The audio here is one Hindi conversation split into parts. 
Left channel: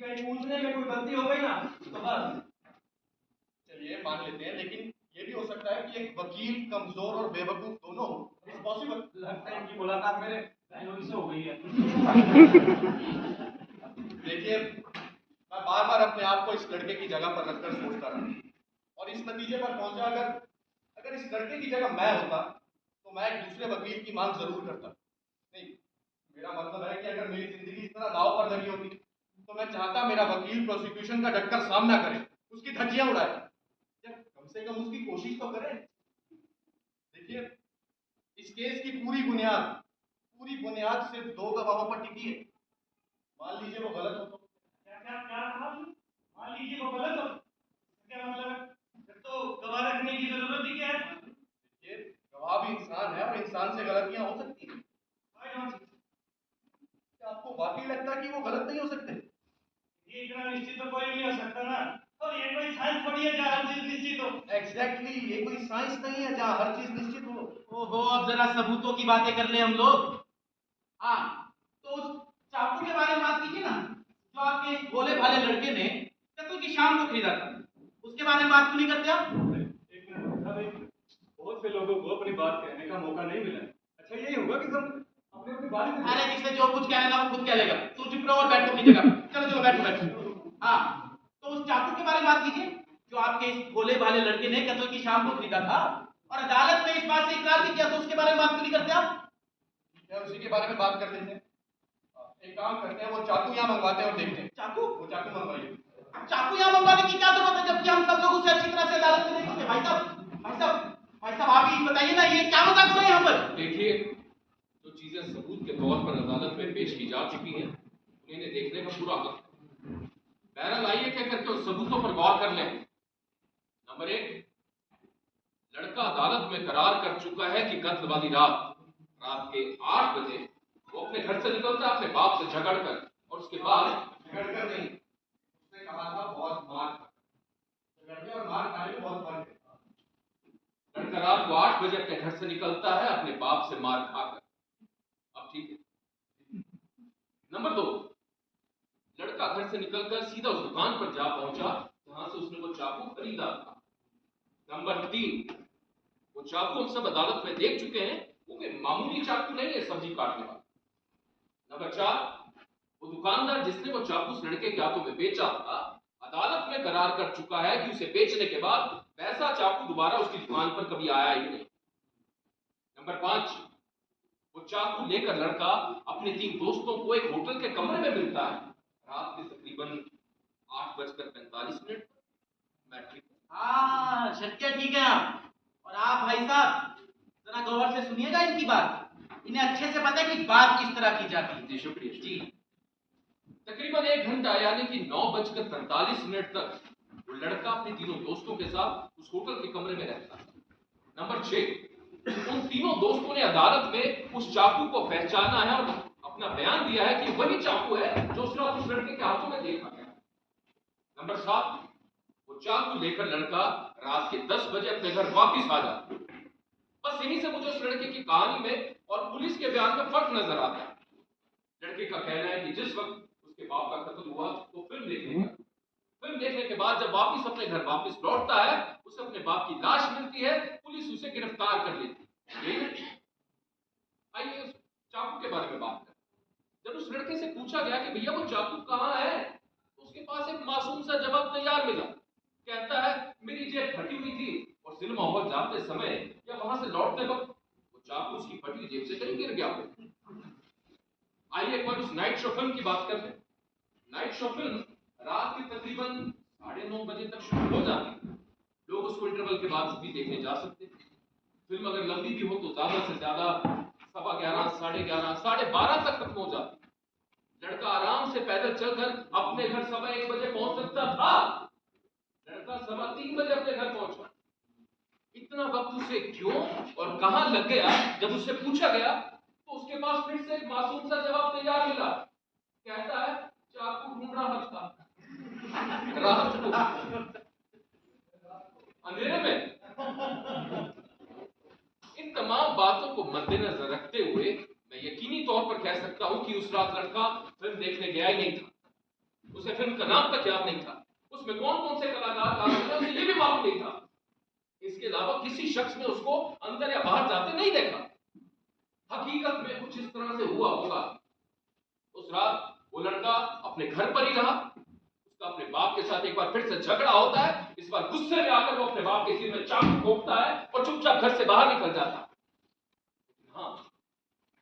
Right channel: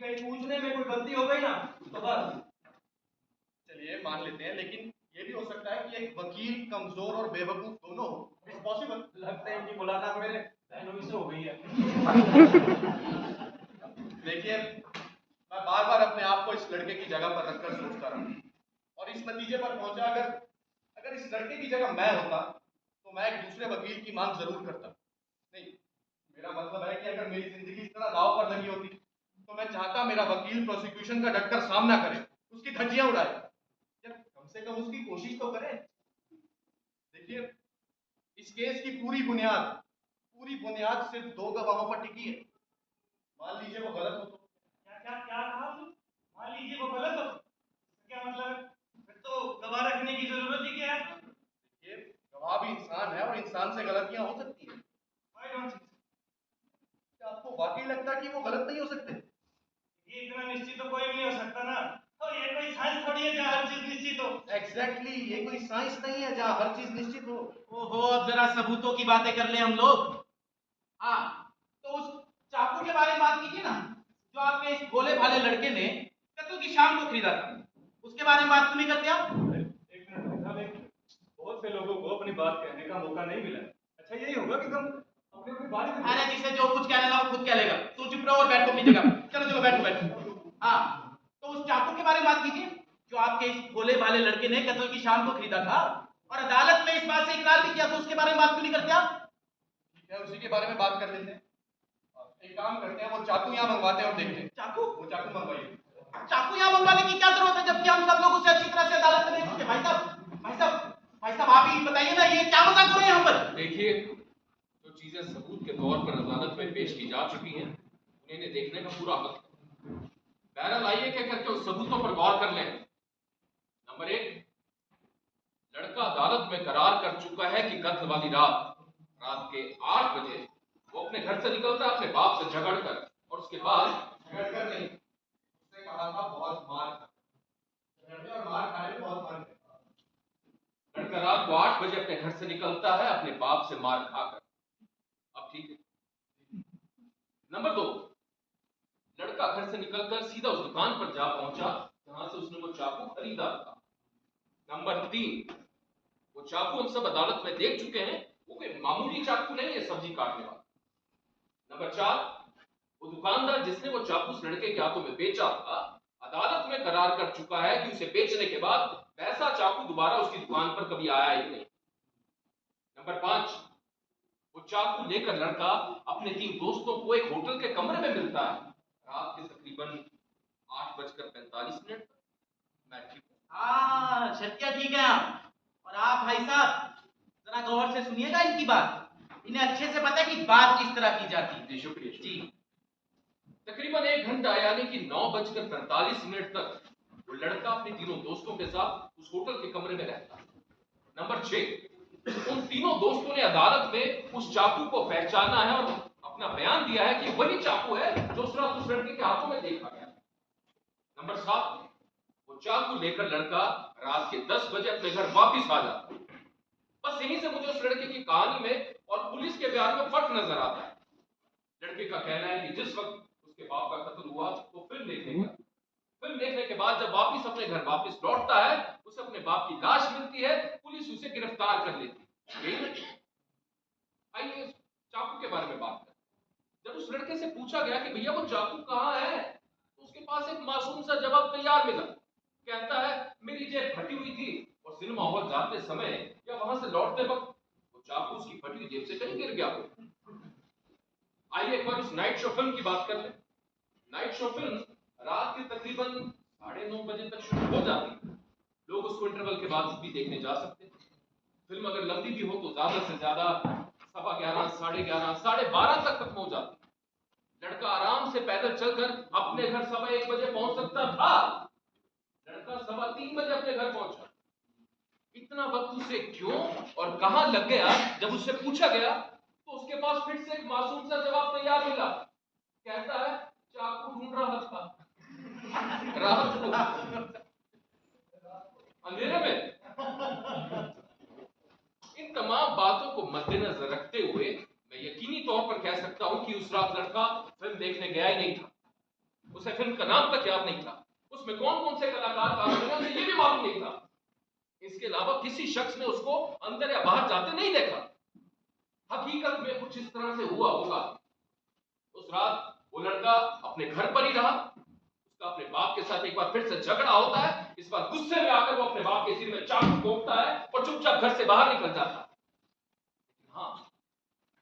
कहीं पूछने में कोई गलती हो गई ना तो बस। चलिए मान लेते हैं, लेकिन ये भी हो सकता है कि एक वकील कमजोर और बेवकूफ दोनों हो। It's possible. लगता है इनकी मुलाकात मेरे बहनोई से हो गई है। देखिए, मैं बार बार अपने आप को इस लड़के की जगह पर रखकर सोचता रहा और इस नतीजे पर पहुंचा, अगर अगर इस लड़के की जगह मैं होता तो मैं एक दूसरे वकील की मांग जरूर करता। नहीं, मेरा मतलब है कि अगर मेरी जिंदगी इस तरह दांव पर लगी होती तो मैं चाहता मेरा वकील प्रोसिक्यूशन का डटकर सामना करे, उसकी धज्जियां उड़ाए, या कम से कम उसकी कोशिश तो करे। देखिए, इस केस की पूरी बुनियाद सिर्फ दो गवाहों पर टिकी है। मान लीजिए वो गलत हो तो। क्या क्या क्या कहा आपने? मान लीजिए वो गलत हो, क्या मतलब है? फिर तो गवाह रखने की जरूरत ही क्या है? ये गवाह भी इंसान है और इंसान से गलतियां हो सकती हैं। Why don't you? क्या आपको वाकई लगता है कि वो गलत नहीं हो सकते? ये इतना निश्चित तो कोई नहीं हो सकता ना। और ये कोई साइंस थोड़ी है जहाँ हर चीज निश्चित हो। एग्जैक्टली, ये कोई साइंस नहीं है जहाँ हर चीज निश्चित हो। ओहो, अब जरा सबूतों की बातें कर ले हम लोग। हाँ, तो उस चाकू के बारे में बात कीजिए ना, जो आपके इस भोले भाले लड़के ने कत्ल की शाम को खरीदा था। उसके बारे में बात क्यों नहीं करते आप? एक मिनट साहब, एक मिनट। बहुत से लोगों को अपनी बात कहने का मौका नहीं मिला। अच्छा यही होगा कि हम अपनी अपनी बात ही अरे जिसे जो कुछ कहना ना वो खुद कह लेगा। तू चुप रहो और बैठो अपनी जगह पे। चलो चलो बैठो बैठो। हाँ, तो उस चाकू के बारे में बात कीजिए, जो आपके इस भोले भाले लड़के ने कत्ल की शाम को खरीदा था और अदालत में इस बात से इकरार भी किया, तो उसके बारे में बात क्यों नहीं करते आप? ठीक है, उसी के बारे में बात कर लेते हैं। एक काम करते हैं, वो चाकू यहाँ मंगवाते हैं और देखते हैं। चाकू? वो चाकू मंगवाइए। चाकू यहाँ मंगवाने की क्या जरूरत है, जबकि हम सब लोग उसे अच्छी तरह से अदालत में देख चुके हैं। भाई साहब भाई साहब भाई साहब, आप ही बताइए ना, ये क्या मजाक हो रहा है यहाँ पर? देखिए, जो चीजें सबूत के तौर पर अदालत में पेश की जा चुकी हैं, उन्हें देखने का पूरा हक है। बहरहाल आइए क्या करके उस सबूतों पर गौर कर लें। नंबर एक, लड़का अदालत में करार कर चुका है कि कत्ल वाली रात के 8 बजे वो अपने घर से निकलता है अपने बाप से झगड़कर, और उसके बाद झगड़कर नहीं, उसने कहा था बहुत मार खाकर। झगड़ने और मार खाने में बहुत फर्क है। लड़का रात को 8 बजे अपने घर से निकलता है अपने बाप से मार खाकर। अब ठीक है। नंबर दो, लड़का घर से निकलकर सीधा उस दुकान पर जा पहुंचा जहां से उसने वो चाकू खरीदा था। नंबर तीन, वो चाकू हम सब अदालत में देख चुके हैं, वो कोई मामूली चाकू नहीं है सब्जी काटने वाला। नंबर चार, वो दुकानदार जिसने वो चाकू उस लड़के के हाथों में बेचा था, अदालत में करार कर चुका है कि उसे बेचने के बाद वैसा चाकू दोबारा उसकी दुकान पर कभी आया ही नहीं। नंबर पांच, वो चाकू लेकर लड़का अपने 3 दोस्तों को एक होटल के कमरे में मिलता है रात के तकरीबन 8:45 मैट्रिक। हाँ, शक्य ठीक है आप। और आप भाई साहब जरा गौर से सुनिएगा इनकी बात। इन्हें अच्छे से पता है कि बात किस तरह की जाती है। जी शुक्रिया जी। तकरीबन 1 घंटा यानी कि 9:45 तक वो लड़का अपने तीनों दोस्तों के साथ उस होटल के कमरे में रहता है। नंबर 6, उन तीनों दोस्तों ने अदालत में उस चाकू को पहचाना है और अपना बयान दिया है कि वही चाकू है जो उस रात उस लड़के के हाथों में देखा गया। नंबर 7, वो चाकू लेकर लड़का रात के 10 बजे अपने घर वापिस आ जाता है। बस यहीं से मुझे उस लड़के की कहानी में और पुलिस के बयान में फर्क नजर आता है। लड़के का कहना है कि जिस वक्त उसके बाप का कत्ल हुआ तो फिल्म देखने गया। फिल्म देखने के बाद जब वापिस अपने घर वापिस लौटता है, उसे अपने बाप की लाश मिलती है, पुलिस उसे गिरफ्तार कर लेती है। यही नहीं। आइए उस चाकू के बारे में बात करें। जब उस लड़के से पूछा गया कि भैया वो चाकू कहाँ है, तो उसके पास एक मासूम सा जवाब तैयार मिला। कहता है मेरी जेब फटी हुई थी और सिनेमा हॉल जाते समय या वहां से लौटते वक्त वो चाकू उसकी फटी हुई जेब से कहीं गिर गया हो। आइए एक बार उस नाइट शो फिल्म की बात कर लें। नाइट शो फिल्म रात के तकरीबन 9:30 बजे तक शुरू हो जाती है। लोग उसको इंटरवल के बाद भी देखने जा सकते हैं। फिल्म अगर लंबी भी हो तो ज्यादा से ज्यादा 11:15, 11:30, 12:30 तक खत्म हो जाती। लड़का आराम से पैदल चलकर अपने घर 1:15 बजे पहुंच सकता था। लड़का 3:15 बजे अपने घर पहुंचा। इतना वक्त उसे क्यों और कहां लग गया, जब उससे पूछा गया तो उसके पास फिर से एक मासूम सा जवाब तैयार मिला। कहता है चाकू ढूंढ रहा था रात को अंधेरे में। इन तमाम बातों को मद्देनजर रखते हुए मैं यकीनी तौर पर कह सकता हूं कि उस रात लड़का फिल्म देखने गया ही नहीं था। उसे फिल्म का नाम तक याद नहीं था, उसमें कौन कौन से कलाकार काम कर रहे हैं उसे ये भी मालूम नहीं था। इसके अलावा किसी शख्स ने उसको अंदर या बाहर जाते नहीं देखा। हकीकत में कुछ इस तरह से हुआ होगा। उस रात वो लड़का अपने घर पर ही रहा। उसका अपने बाप के साथ एक बार फिर से झगड़ा होता है। इस बार गुस्से में आकर वो अपने बाप के सिर में चाकू ठोकता है और चुपचाप घर से बाहर निकल जाता है। हाँ,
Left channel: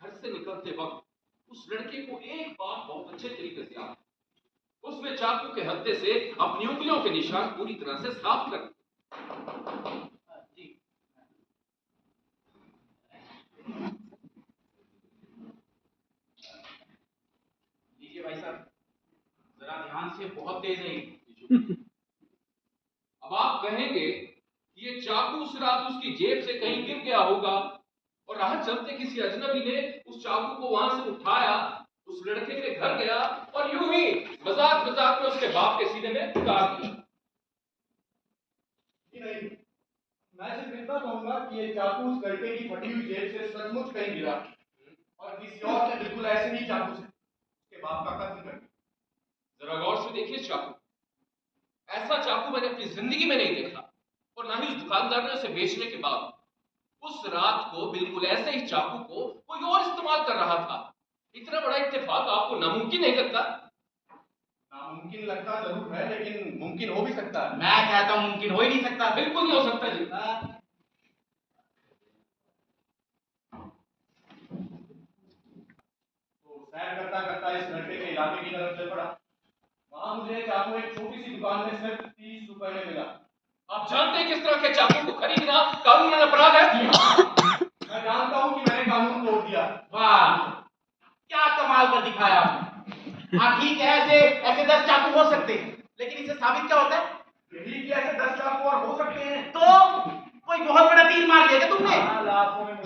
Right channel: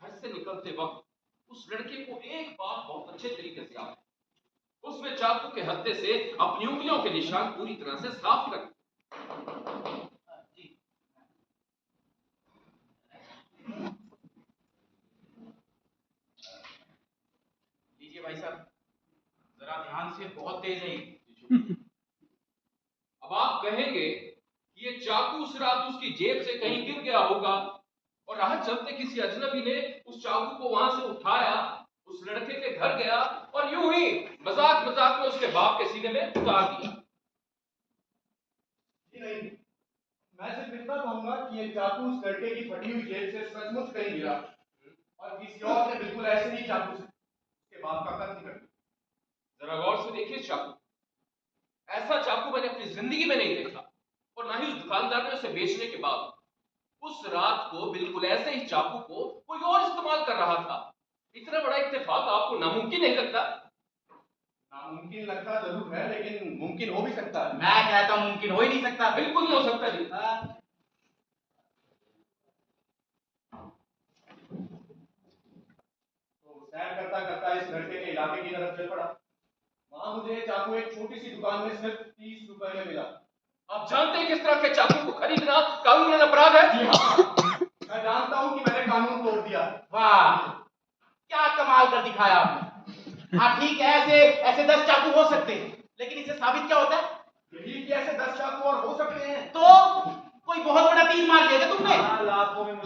घर से निकलते वक्त उस लड़के को एक बात बहुत अच्छे तरीके से याद है। उसने चाकू के हत्थे से अपनी उंगलियों के निशान पूरी तरह से साफ कर जी। लीजिए भाई साहब, जरा ध्यान से, बहुत तेज है ये। अब आप कहेंगे कि ये चाकू उस रात उसकी जेब से कहीं गिर गया होगा और राह चलते किसी अजनबी ने उस चाकू को वहां से उठाया, उस लड़के के घर गया और यूं ही मजाक मजाक में उसके बाप के सीने में उतार दिया। नहीं, मैं सिर्फ इतना कहूंगा कि ये चाकू उस लड़के की फटी हुई जेब से सचमुच कहीं गिरा और किसी और ने बिल्कुल ऐसे ही चाकू से उसके बाप का कत्ल कर दिया। जरा गौर से देखिए चाकू। ऐसा चाकू मैंने अपनी जिंदगी में नहीं देखा और ना ही उस दुकानदार ने उसे बेचने के बाद। उस रात को बिल्कुल ऐसे ही चाकू को कोई और इस्तेमाल कर रहा था। इतना बड़ा इत्तेफाक आपको नामुमकिन नहीं लगता? नामुमकिन लगता जरूर है, लेकिन मुमकिन हो भी सकता है। मैं कहता हूं मुमकिन हो ही नहीं सकता। बिल्कुल नहीं हो सकता जी। तो सैर करता करता इस लड़के के इलाके की तरफ चल पड़ा। वहां मुझे चाकू एक छोटी सी दुकान में सिर्फ 30 रुपए में मिला। आप जानते हैं किस तरह के चाकू को खरीदना कानूनन अपराध है? मैं जानता हूं कि मैंने कानून तोड़ दिया। वाह, क्या कमाल कर दिखाया आपने। हाँ ठीक है, ऐसे ऐसे 10 चाकू हो सकते हैं, लेकिन इससे साबित क्या होता है? यही कि ऐसे 10 चाकू और हो सकते हैं। तो कोई बहुत बड़ा तीर मार लिया क्या तुमने? लाखों में